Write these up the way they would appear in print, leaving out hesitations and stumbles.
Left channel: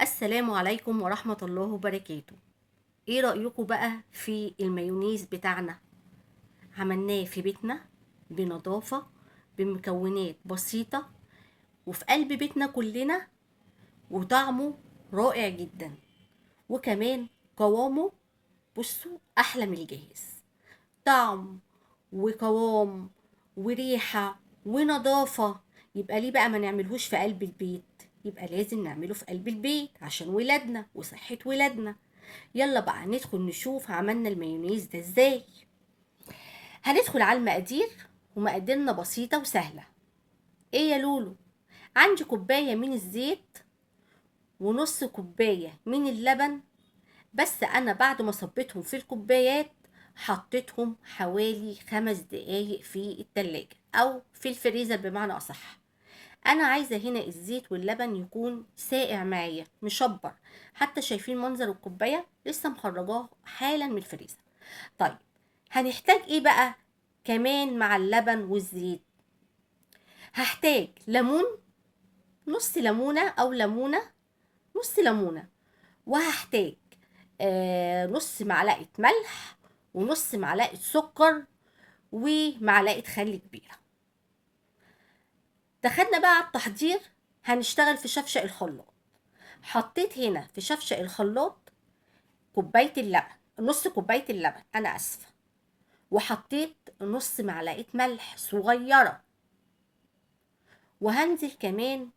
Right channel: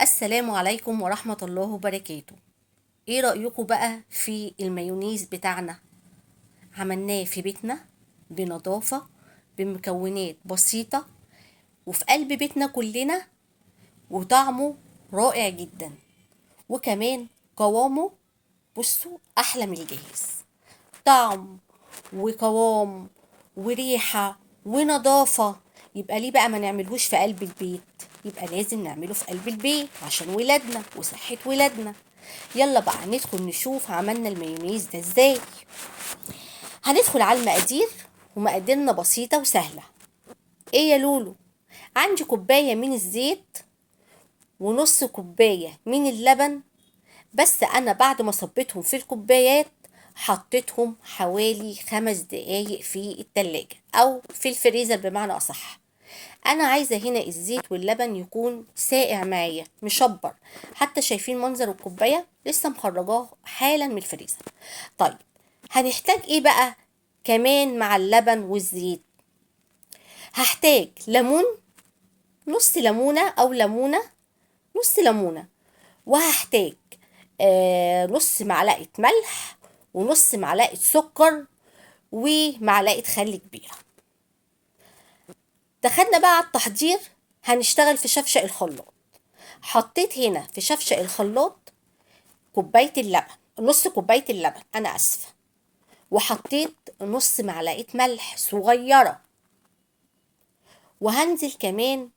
السلام عليكم ورحمة الله وبركاته. ايه رأيكم بقى في المايونيز بتاعنا؟ عملناه في بيتنا بنظافة، بمكونات بسيطة، وفي قلب بيتنا كلنا، وطعمه رائع جدا، وكمان قوامه بصوا احلى من الجاهز. طعم وقوام وريحة ونظافة. يبقى ليه بقى ما نعملهوش في قلب البيت؟ يبقى لازم نعمله في قلب البيت عشان ولادنا وصحة ولادنا. يلا بقى ندخل نشوف عملنا المايونيز ده ازاي. هندخل على المقادير، ومقاديرنا بسيطة وسهلة. ايه يا لولو؟ عندي كوباية من الزيت، ونص كوباية من اللبن. بس انا بعد ما صبيتهم في الكوبايات حطيتهم حوالي 5 دقايق في التلاجة او في الفريزر بمعنى اصح. انا عايزة هنا الزيت واللبن يكون ساقع معايا مشبر. حتى شايفين منظر الكوباية لسه مخرجاه حالا من الفريزر. طيب، هنحتاج ايه بقى كمان مع اللبن والزيت؟ هحتاج ليمون، نص ليمونة او ليمونة، نص ليمونة. وهحتاج نص معلقة ملح، ونص معلقة سكر، ومعلقة خل كبيرة. دخلنا بقى على التحضير. هنشتغل في شفشق الخلاط. حطيت هنا في شفشق الخلاط كوباية اللبن، نص كوباية اللبن أنا أسفة، وحطيت نص معلقة ملح صغيرة، وهنزل كمان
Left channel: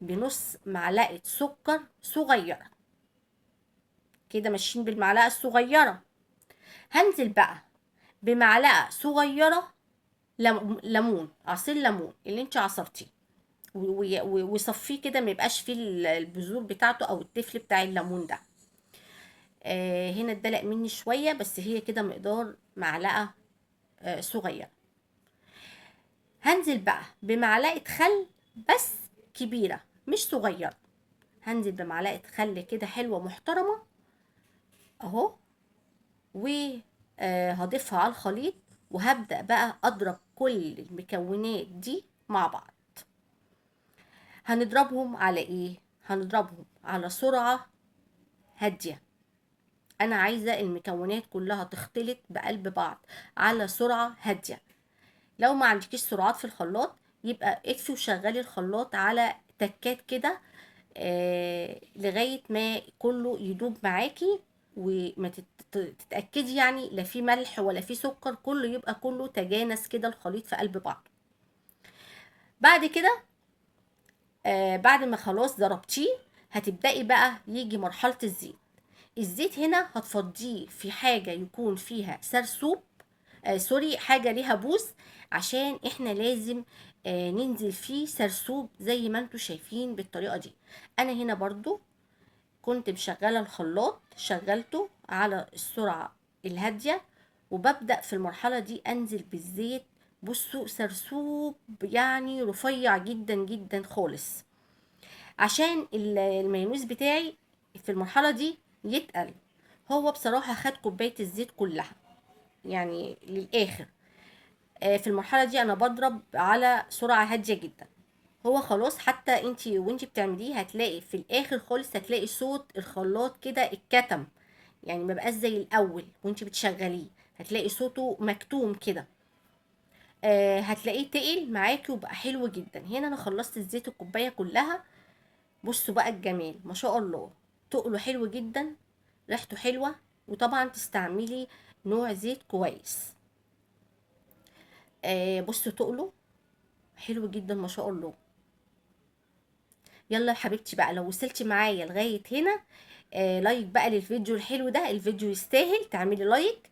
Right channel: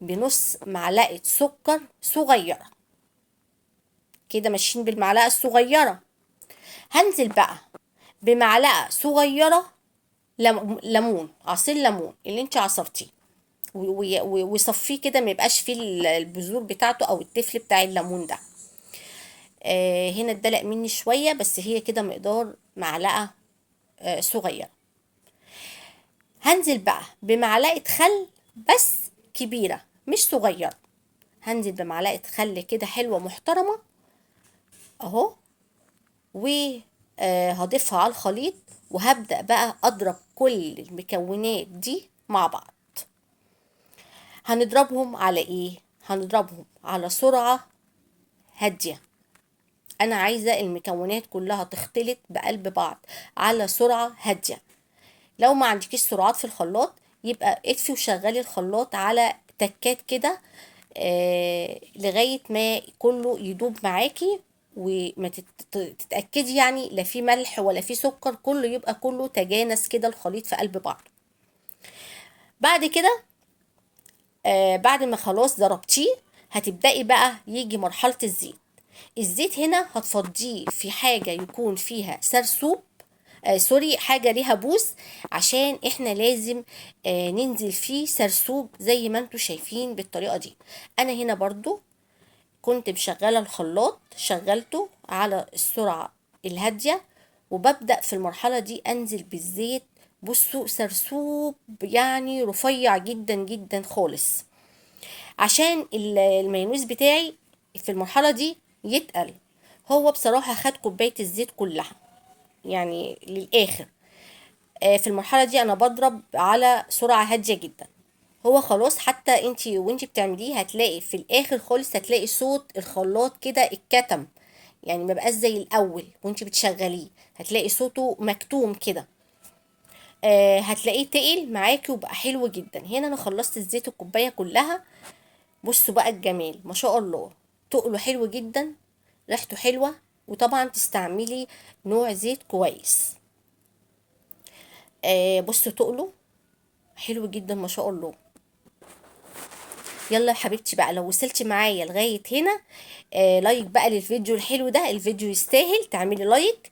بنص معلقة سكر صغيرة. كده ماشيين بالمعلقة الصغيرة. هنزل بقى بمعلقة صغيرة ليمون، عصير ليمون اللي انت عصرتيه، وصفيه كده ما يبقاش فيه البذور بتاعته او التفل بتاع الليمون ده. هنا اتدلق مني شويه، بس هي كده مقدار معلقه صغيره. هنزل بقى بمعلقه خل، بس كبيره مش صغيره. هنزل بمعلقه خل كده حلوه محترمه اهو، وهضيفها على الخليط، وهبدأ بقى اضرب كل المكونات دي مع بعض. هنضربهم على ايه؟ هنضربهم على سرعة هادية. انا عايزة المكونات كلها تختلط بقلب بعض على سرعة هادية. لو ما عندكيش سرعات في الخلاط، يبقى اطفي وشغلي الخلاط على تكات كده لغاية ما كله يدوب معاكي، وما تتأكدي يعني لا في ملح ولا في سكر، كله يبقى كله تجانس كده الخليط في قلب بعض. بعد كده بعد ما خلاص ضربتيه، هتبدأي بقى يجي مرحلة الزيت. الزيت هنا هتفضيه في حاجة يكون فيها سرسوب، سوري، حاجة ليها بوس، عشان احنا لازم ننزل فيه سرسوب زي ما انتوا شايفين بالطريقة دي. انا هنا برضو كنت مشغلة الخلاط، شغلته على السرعة الهادية، وببدأ في المرحلة دي انزل بالزيت. بصوا سرسوب يعني رفيع جدا جدا خالص، عشان المايونيز بتاعي في المرحلة دي يتقل. هو بصراحة خد كوباية الزيت كلها يعني للآخر. في المرحلة دي أنا بضرب على سرعة هادية جدا. هو خلاص، حتى انتي وانتي بتعمليه هتلاقي في الآخر خالص هتلاقي صوت الخلاط كده اتكتم، يعني مبقاش زي الأول وانتي بتشغليه، هتلاقي صوته مكتوم كده. هتلاقيه تقل معاكي وبقى حلو جدا. هنا انا خلصت الزيت الكوباية كلها. بصوا بقى الجمال ما شاء الله، تقله حلو جدا، ريحته حلوة. وطبعا تستعملي نوع زيت كويس. بصوا تقله حلو جدا ما شاء الله. يلا يا حبيبتي بقى، لو وصلتي معايا لغاية هنا لايك بقى للفيديو الحلو ده، الفيديو يستاهل تعملي لايك.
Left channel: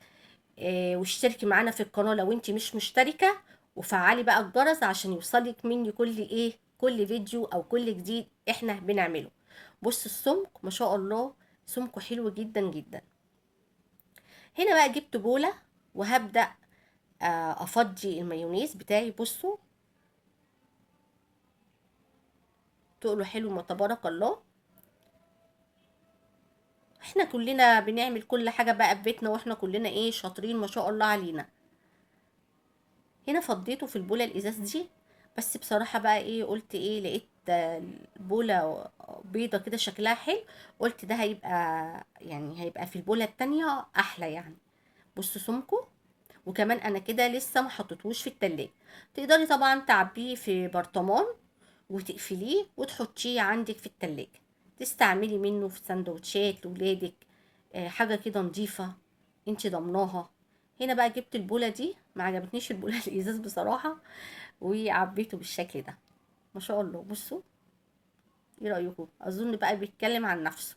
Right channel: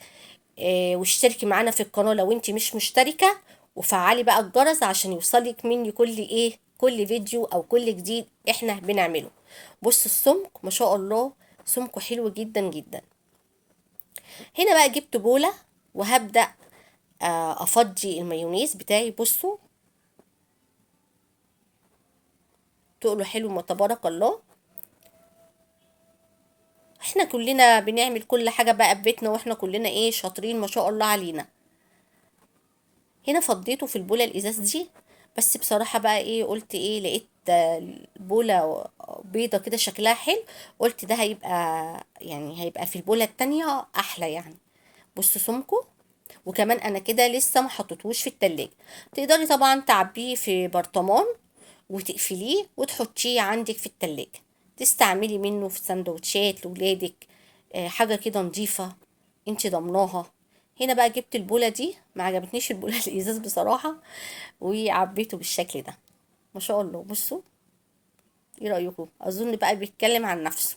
واشتركي معانا في القناة لو انت مش مشتركة، وفعلي بقى الجرس عشان يوصلك مني كل فيديو او كل جديد احنا بنعمله. بص السمك ما شاء الله، سمكه حلو جدا جدا. هنا بقى جبت بولة، وهبدأ افضي المايونيز بتاعي. بصوا تقله حلو ما تبارك الله. احنا كلنا بنعمل كل حاجة بقى في بيتنا، واحنا كلنا ايه شاطرين ما شاء الله علينا. هنا فضيته في البولة الازاز دي. بس بصراحة بقى ايه قلت ايه، لقيت البولة بيضة كده شكلها حلو، قلت ده هيبقى يعني هيبقى في البولة التانية احلى يعني. بصوا سمكه. وكمان انا كده لسه ما حطيتهوش في التلاجة. تقدري طبعا تعبيه في برطمان وتقفليه وتحطيه عندك في التلاجة، تستعملي منه في سندوتشات لولادك. حاجة كده نظيفة انت ضمناها. هنا بقى جبت البولة دي، ما عجبتنيش البولة الازاز بصراحة، وعبيته بالشكل ده. ما شاء الله بصوا. ايه رأيكم؟ اظن بقى بيتكلم عن نفسه.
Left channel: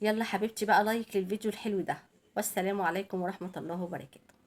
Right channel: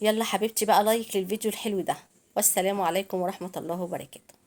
يلا حبيبتي بقى لايك للفيديو الحلو ده، والسلام عليكم ورحمة الله وبركاته.